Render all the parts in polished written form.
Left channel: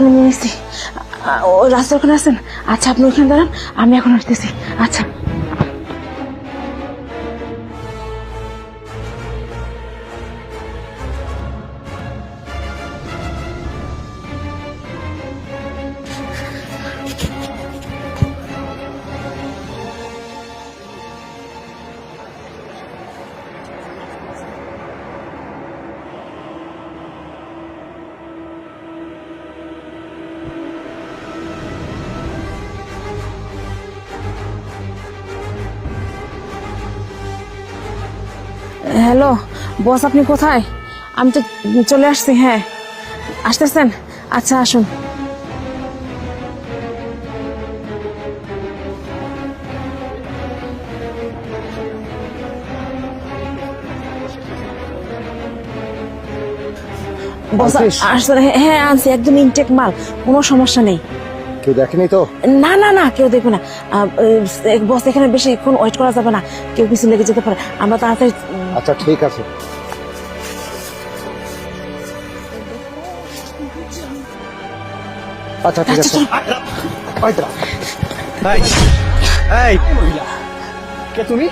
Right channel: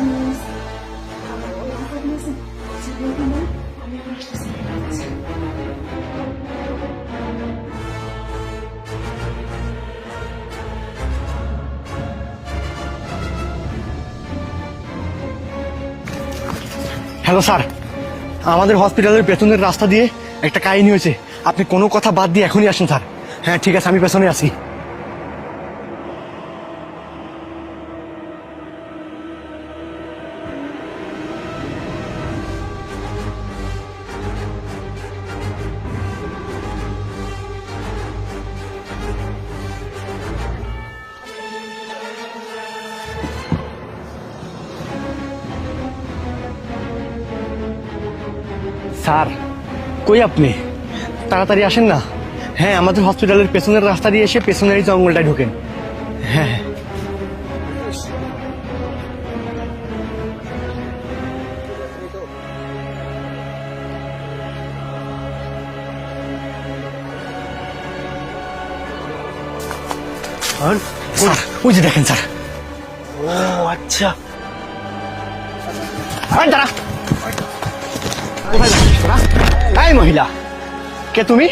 জানি নিয়েছি। ও রাস্তার ওখানে আছেন? আচ্ছা আপনি ওখানে দাঁড়ান, আমি এখন আসতেছি। আচ্ছা হ্যালো স্যার, আমাদের হসপিটালের পেছনের রাস্তা দিয়ে একটা কাহিনী হয়েছে। আপনি কোনো কথা বাদ দিয়ে এখনই আসুন স্যার। হ্যাঁ ঠিক আছে, আমি পেছনে আছি। হ্যালো বস, আপনি কোথায়? আমি তো চলে আসছি। হ্যাঁ আসতেছেন? আচ্ছা আসুন। স্যার কই আপনি? তাড়াতাড়ি আসেন না। হ্যাঁ, আমাদের হসপিটালের পেছনের রাস্তা দিয়ে এসে পেছনের এই জঙ্গলটায় ঢোকেন। হ্যাঁ বস আসলে হ্যাঁ আনছি, একদম ইনটেক মাল, কোনো সমস্যা নেই। কেউ দেখেনি তো? না না না, কেউ দেখবে না। বস এখানে বেশিক্ষণ ওয়েট করা যাবে না, কেউ কিছু লেগে যেতে পারে। আমরা তাড়াতাড়ি। আচ্ছা ঠিক আছে। স্যার ওই যে দেখেন স্যার। আচ্ছা ঠিক আছে। দাঁড়া। ওইটা। এই মহিলা, কে তুমি?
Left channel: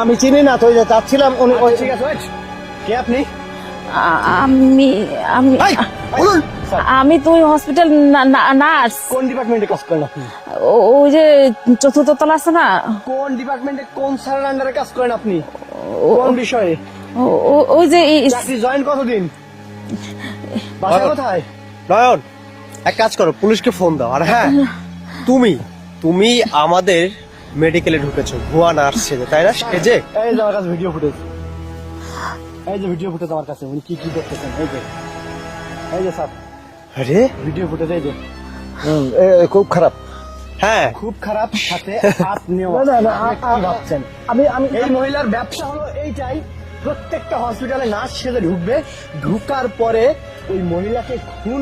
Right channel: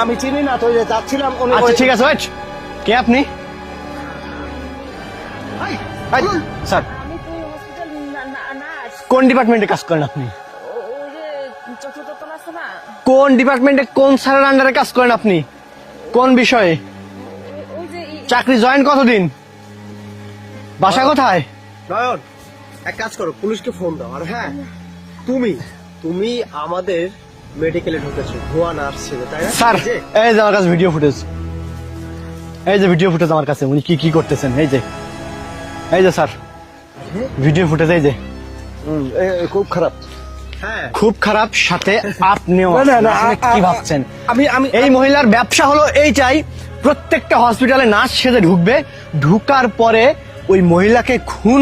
আমি চিনি না তো, যাচ্ছিলাম উনি। আচ্ছা, ঠিক আছে, ওয়েট। কে আপনি? আমি আমি এই, এই, স্যার, আমি তো ওই হসপিটাল নার্স। কোন ডিপার্টমেন্টে কাজ করেন আপনি? ওই যে চতুর্থ তলা আছে না, কোন ডিপার্টমেন্টে কোন স্যারের আন্ডারে কাজ করেন আপনি? কোন বিষয়ে? ওই যে চাকরি জয়েন কতদিন? বাসা কোথায়? নয়ন, এক কাজ করো, পুলিশকে ফোন দাও। আর হ্যাঁ, তুমি তুমি আমাদের মেডিকেলে ঢুকেছো ভুয়া নার্স ছেলে, তাই না? স্যার, যে এই যে আমার কাছে ভিডিও ফুটেজ, এই যে ভিডিও ফুটেজ আমার কাছে, উনি কি কি করতেছেন, এই যে স্যার আরে ভিডিও ফুটেজ, এই যে খুব খারাপ। হ্যাঁ, খুব খারাপ, সাথে আপনিও না, না, আপনি কি ভাবছেন? আমি এই মহিলার ব্যবসা হলো এইটাই, প্রত্যেকটা হসপিটালে নার্স সেজে ঢুকবে, ঢুকার পরে ওই মহিলাকে খুন